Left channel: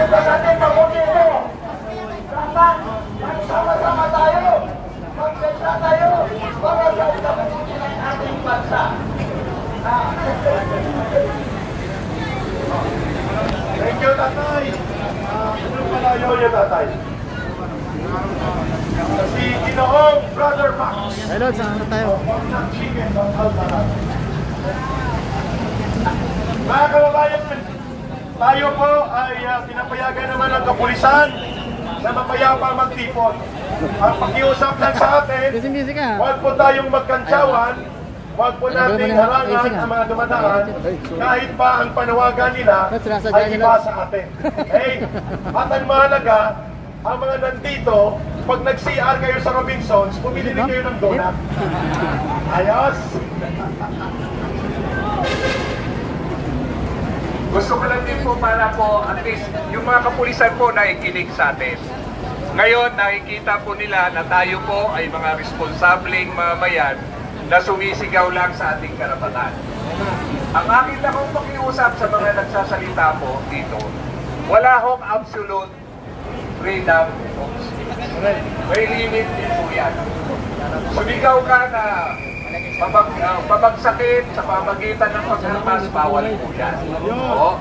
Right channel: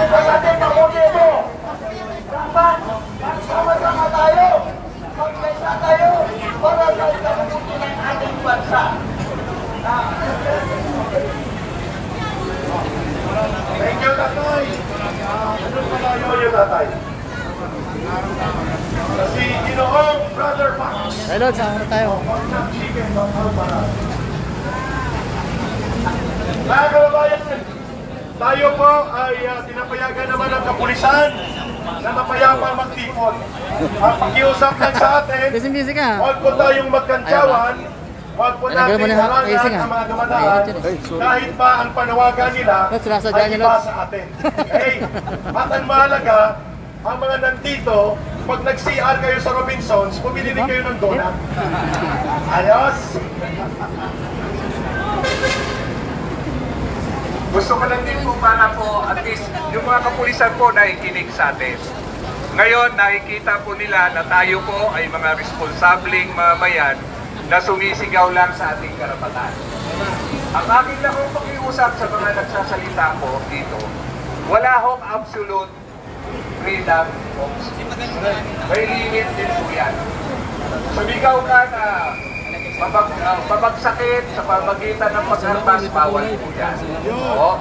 Kita sa ating mabuti ito. Dapat magsama-sama tayo. Magkaisa tayo para sa ikabubuti ng ating bansa. Thank you, Tatay. Ano pala yun, Tatay? Si Ginoong Brother Max. Hello, saan tayo? Mga kababayan, tayo po ay pinapayagan naman ng kapulisan na mapayapa magtipon. Ang pakiusap lang sa atin, huwag po tayong magkantsawan, huwag po natin harangan ang mga dumadaan kahit pa ang panawagan nila ay iba sa atin. Okay? At ang mahalaga, ang mga nandito, pag nag-CR kayo sa Robinsons, bumili din kayo ng donut. Ayos! Gusto ko lang din po para po at least yung mga kapulisan po nakikinig sa atin. Ngayon nakikita po nila na tayo po ay mga responsableng mamayan na sumisigaw lang sa ating karapatan. Ang akin lang kong pakiusap sa mga nagsasalita po dito, wala hong absolute freedom of speech. May limit din po yan. Sumigaw ka na pabagsakin sa pamagitan ng pagharmas, bawal po yan. Oo.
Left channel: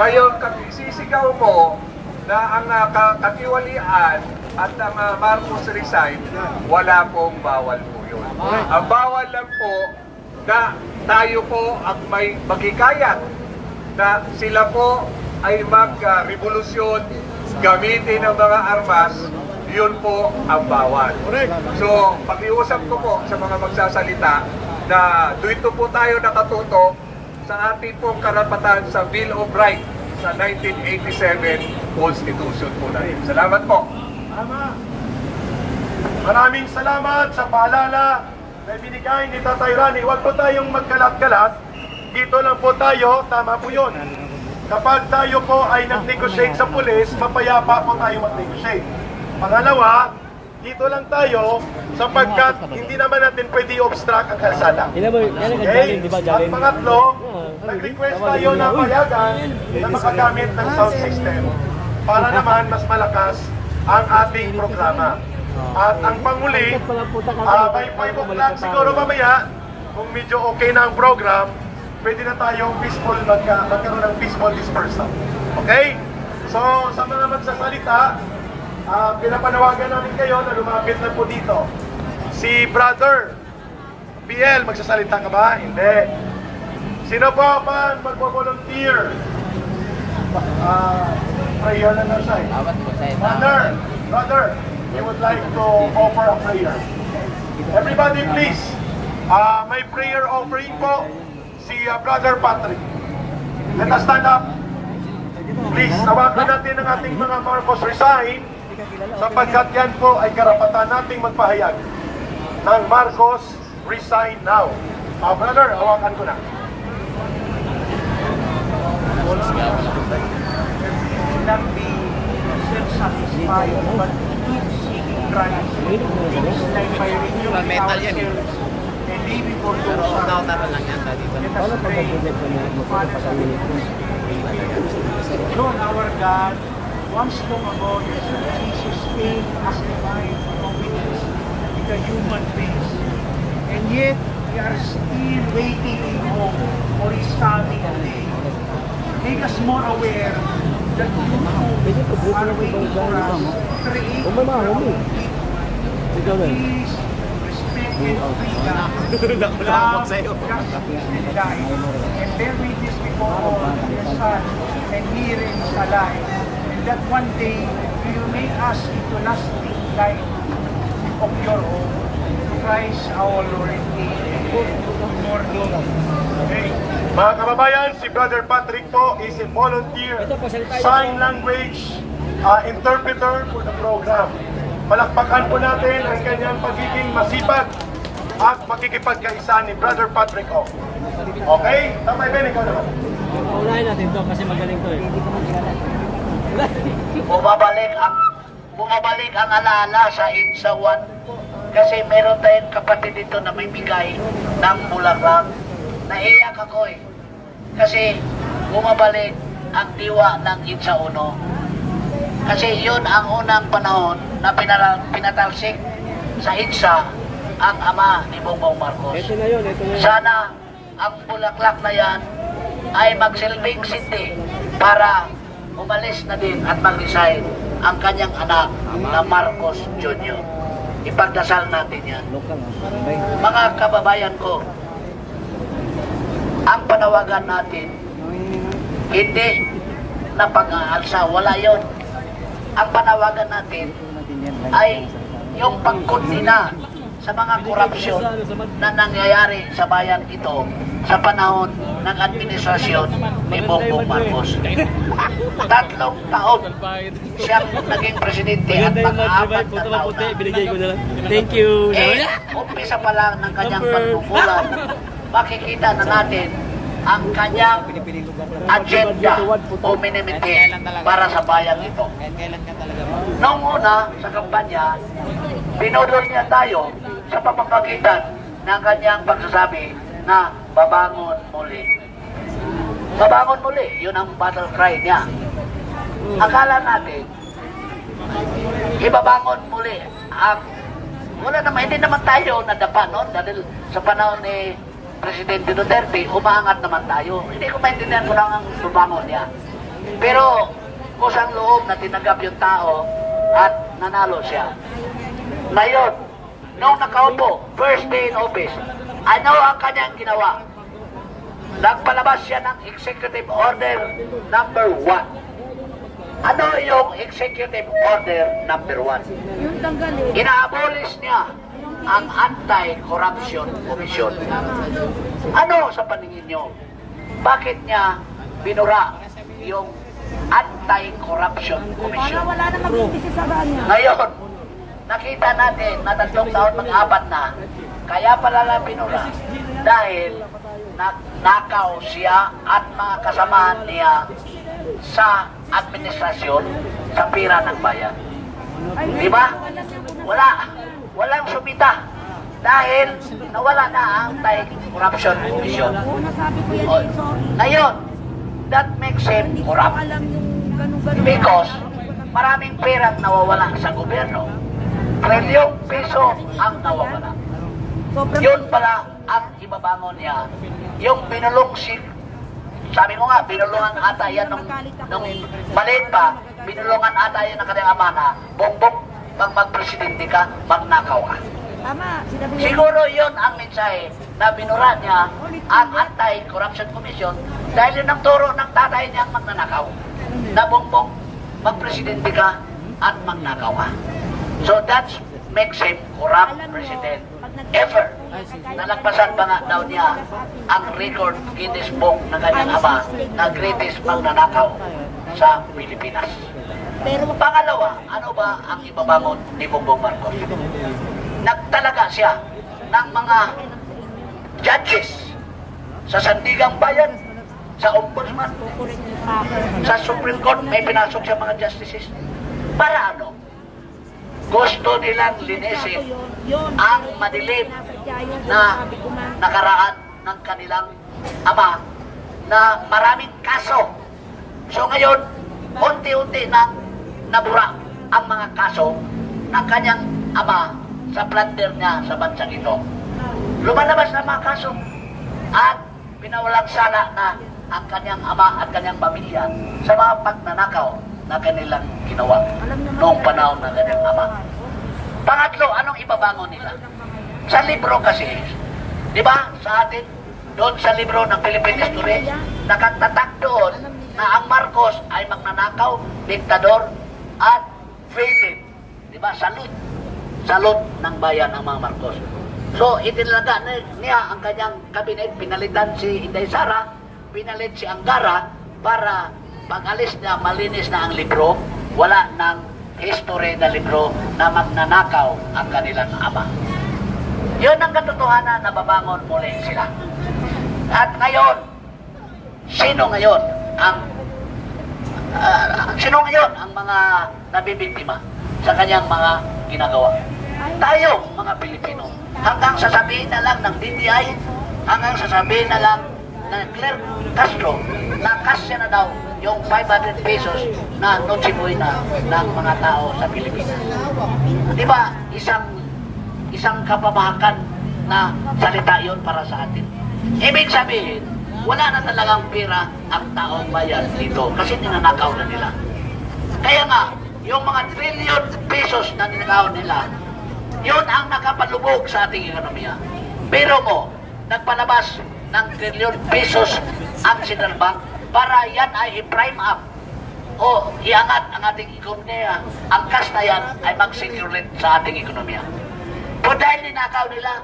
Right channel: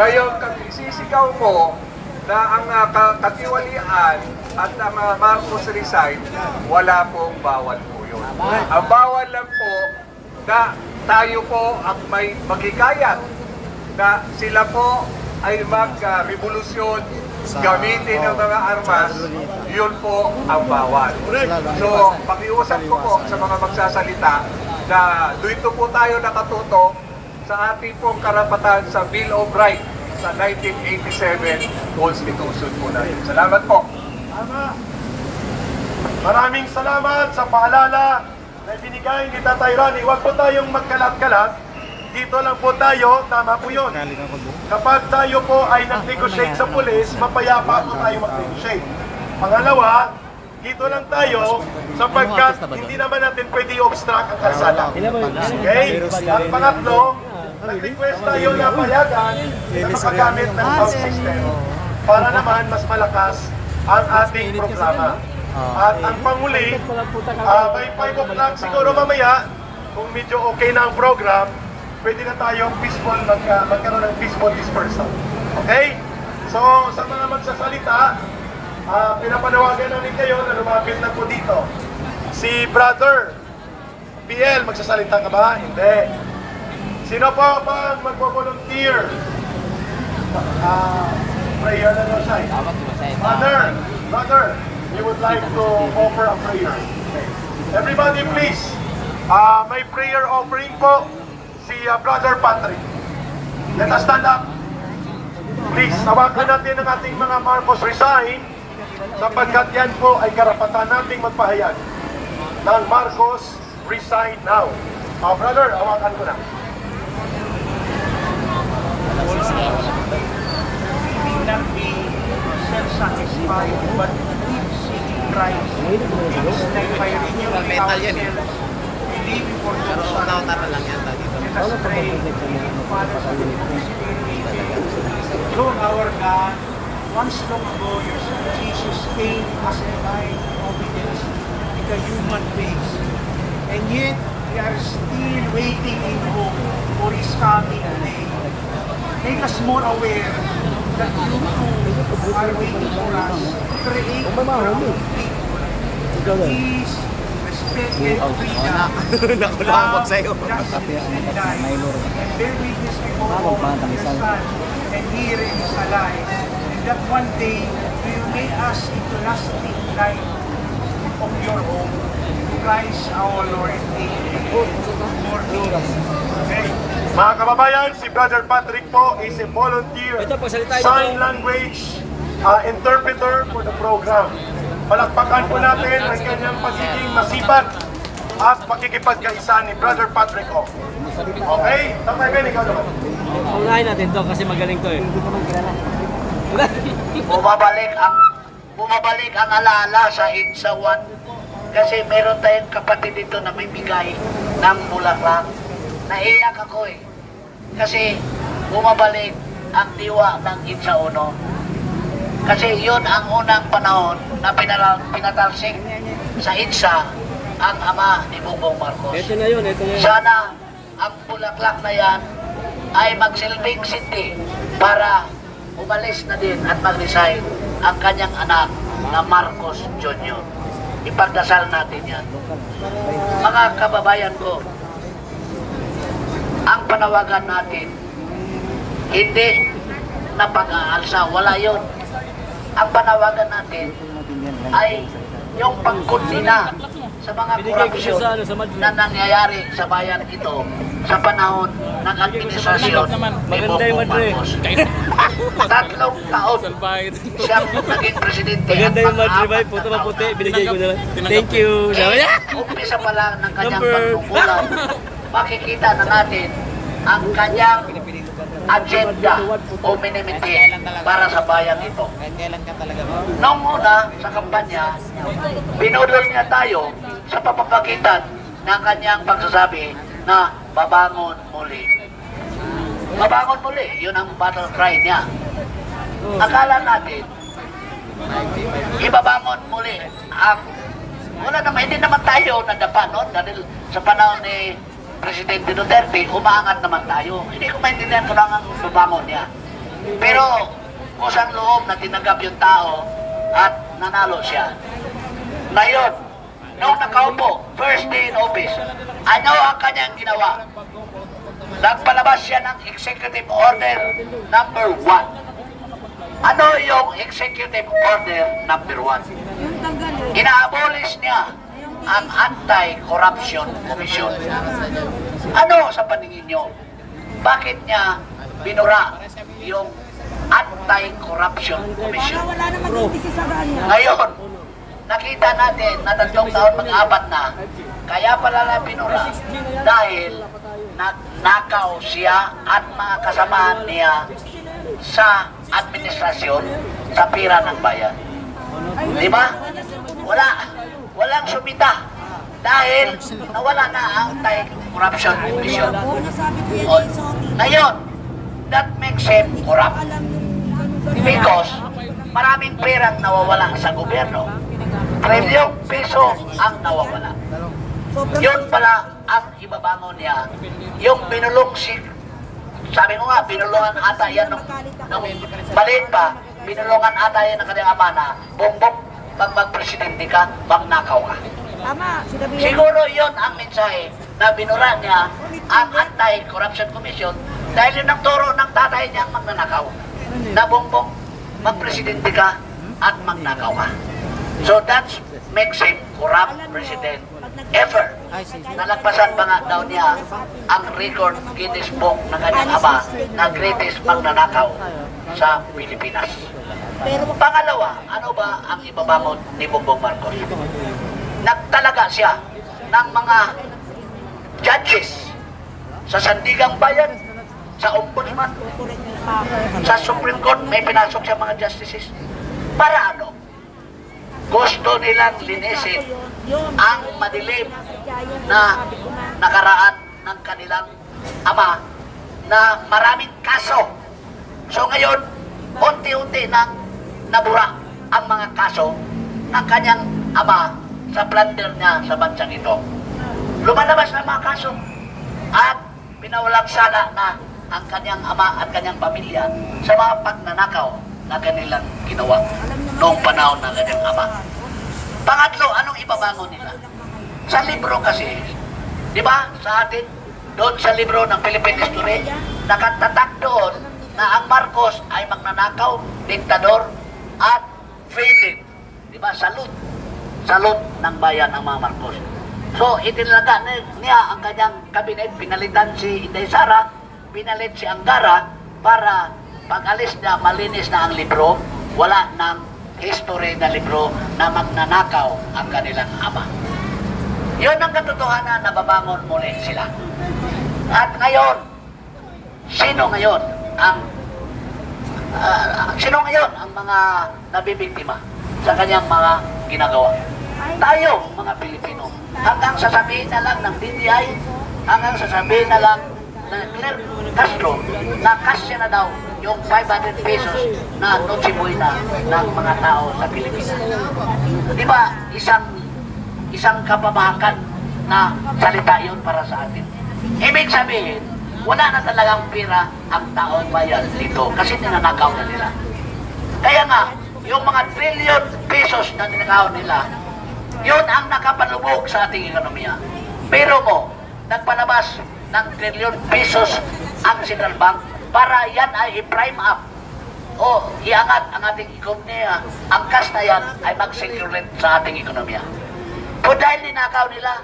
Ngayon, sisigaw mo na ang katiwalian at ang Marcos resign, wala pong bawal po yun. Ang bawal lang po na tayo po ang may maghikayat na sila po ay mag-revolusyon, gamitin ng mga armas, yun po ang bawal. So, pakiusap ko po sa mga magsasalita na dito po tayo nakatutok sa ating pong karapatan sa Bill of Rights sa 1987 Constitution po natin. Salamat po. Tama. Maraming salamat sa paalala na binigay ni Tatay Rani. Huwag po tayong magkalat-kalat. Dito lang po tayo, tama po yun. Kapag tayo po ay nag-negotiate sa pulis, mapayapa po tayo mag-negotiate. Pangalawa, dito lang tayo sapagkat hindi naman natin pwede i-obstruct ang kalsada. Okay? At pangatlo, nag-request tayo na payagan na makagamit ng sound system para naman mas malakas ang ating programa. At ang panguli, may 5 o'clock siguro mamaya, kung medyo okay na ang program, pwede na tayong peaceful magkaroon ng peaceful dispersal. Okay? So, sa mga magsasalita, pinapanawagan namin kayo na lumapit lang po dito. Si Brother PL, magsasalita ka ba? Hindi. Sino po ba magpo-volunteer? Prayer na lang siya. Brother, we would like to offer a prayer. Everybody please, may prayer offering po si Brother Patrick. Let us stand up. Please, tawagan natin ang ating mga Marcos resign sapagkat yan po ay karapatan nating magpahayag ng Marcos resign now. Brother, hawakan ko na. Not be self-satisfied, but keep seeking Christ. Things like by renewing ourselves, believing for those who are lang yan dito. Lord our God, once long ago, your Son Jesus came as a life of obedience with a human face. And yet, we are still waiting in hope for His coming day. Make us more aware that you too are waiting for us to create our own people. Peace, respect, and freedom, love, justice, and life, and bear witness before all your Son, and herein is alive, and that one day will make us into lasting light of your home. To Christ our Lord. Amen. Morning. Okay. Mga kababayan, si Brother Patrick po is a volunteer sign language interpreter for the program. Palakpakan po natin ang kanyang pagiging masipag at makikipagkaisa ni Brother Patrick O. Okay? Tama ba? Ikaw naman. Unahin natin to kasi magaling to eh. Bumabalik ang alaala sa Insa 1 kasi meron tayong kapatid dito na may bigay ng bulaklak. Naiyak ako eh. Kasi bumabalik ang diwa ng Insa 1. Kasi yun ang unang panahon na pinatalsik sa EDSA ang ama ni Bongbong Marcos. Ito na yun, ito na yun. Sana ang bulaklak na yan ay magsilbing sindi para umalis na din at mag-resign ang kanyang anak na Marcos Jr. Ipagdasal natin yan. Mga kababayan ko, ang panawagan natin, hindi na pag-aalsa, wala yun. Ang panawagan natin ay yung pagkundina sa mga korupsyon na nangyayari sa bayan ito sa panahon ng administrasyon ni Bongbong Marcos. 3 taon siyang naging presidente at mag-aapat na taon na. Binigay ko na lang. Thank you. Umpisa pa lang ng kanyang pagkukulang, makikita na natin ang kanyang agenda o minimiti para sa bayan ito. Noong una, sa kampanya, binodol niya tayo sa pamamagitan ng kanyang pagsasabi na babangon muli. Babangon muli, yun ang battle cry niya. Akala natin, ibabangon muli ang wala naman, hindi naman tayo nadapa noon dahil sa panahon ni Presidente Duterte, umaangat naman tayo. Hindi ko maintindihan kung ang babangon niya. Pero kusang loob na tinanggap yung tao at nanalo siya. Ngayon, nung nakaupo, first day in office, ano ang kanyang ginawa? Nagpalabas siya ng Executive Order number 1. Ano yung Executive Order number 1? Ina-abolish niya ang Anti-Corruption Commission. Ano sa paningin nyo? Bakit niya binura yung Anti-Corruption Commission? Wala na mag-isisagaan niya. Ngayon, nakita natin na 3 taon mag-apat na, kaya pala lang binura dahil nakaw siya at mga kasamahan niya sa administrasyon sa pira ng bayan. Di ba? Walang sumita dahil nawala na ang Anti-Corruption Commission. Oo, nasabi ko yan sorry. Ngayon, that makes him corrupt Alam yung ganun-ganun. because maraming perang nawawala sa gobyerno. Trilyong piso ang nawawala. Yun pala ang ibabangon niya. Yung binulong sabi ko nga, binulungan ata yan nung maliit pa, binulungan ata yan ng kanyang ama na, Bongbong, pag magpresidente ka, magnakaw ka. Tama, sinabi yan. Siguro yun ang mensahe na binura niya ang Anti-Corruption Commission dahil yun ang turo ng tatay niya magnanakaw. Na Bongbong, magpresidente ka at magnakaw ka. So that makes him corrupt president ever. Nalagpasan pa nga daw niya ang record Guinness Book ng kanyang ama na greatest magnanakaw sa Pilipinas. Pero pangalawa, ano ba ang ibabangon ni Bongbong Marcos? Nagtalaga siya ng mga judges sa Sandigang Bayan, sa Ombudsman, sa Supreme Court, may pinasok siya mga justices. Para ano? Gusto nilang linisin ang madilim na nakaraan ng kanilang ama na maraming kaso. So ngayon, unti-unti na nabura ang mga kaso ng kanyang ama sa plunder niya sa bansang ito. Lumalabas na mga kaso at pinawalang sala na ang kanyang ama at kanyang pamilya sa mga pagnanakaw na kanilang ginawa noong panahon ng kanyang ama. Pangatlo, anong ibabangon nila? Sa libro kasi, di ba, sa atin, doon sa libro ng Philippine History, nakatatak doon na ang Marcos ay magnanakaw, diktador, at villain. Di ba, salud ng bayan ang mga Marcos. So, itinaga niya ang kanyang kabinet, pinalitan si Inday Sara, pinalit si Angara, para pag-alis niya, malinis na ang libro, wala ng history na libro na magnanakaw ang kanilang ama. Yun ang katotohanan na babangon muli sila. At ngayon, sino ngayon ang mga nabibiktima sa kanyang mga ginagawa? Tayo, mga Pilipino. Hanggang sasabihin na lang ng DTI, hanggang sasabihin na lang ng Claire Castro na kasya na daw yung 500 pesos na Noche Buena ng mga tao sa Pilipinas. Di ba, isang kapamahakan na salita yon para sa atin. Ibig sabihin, wala na talagang pera ang taong bayan dito kasi ninanakaw na nila. Kaya nga, yung mga trillion pesos na ninakaw nila, yun ang nakapalubog sa ating ekonomiya. Pero mo, nagpalabas ng trillion pesos ang Central Bank para yan ay i-prime up o iangat ang ating ekonomiya. Ang cash na yan ay mag-securate sa ating ekonomiya. O dahil ninakaw nila,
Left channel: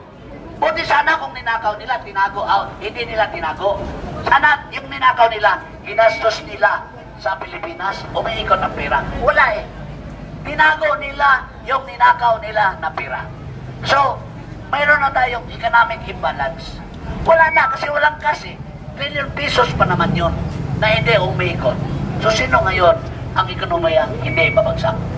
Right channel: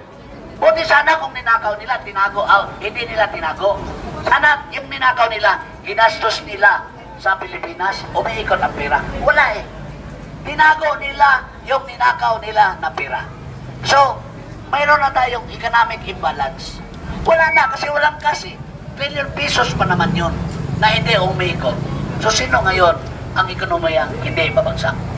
buti sana kung ninakaw nila, tinago, hindi nila tinago. Sana yung ninakaw nila, ginastos nila sa Pilipinas, umiikot ang pera. Wala eh. Tinago nila yung ninakaw nila na pera. So, mayroon na tayong economic imbalance. Wala na kasi walang kasi. Trillion pesos pa naman yun na hindi umiikot. So, sino ngayon ang ekonomiyang hindi babagsak?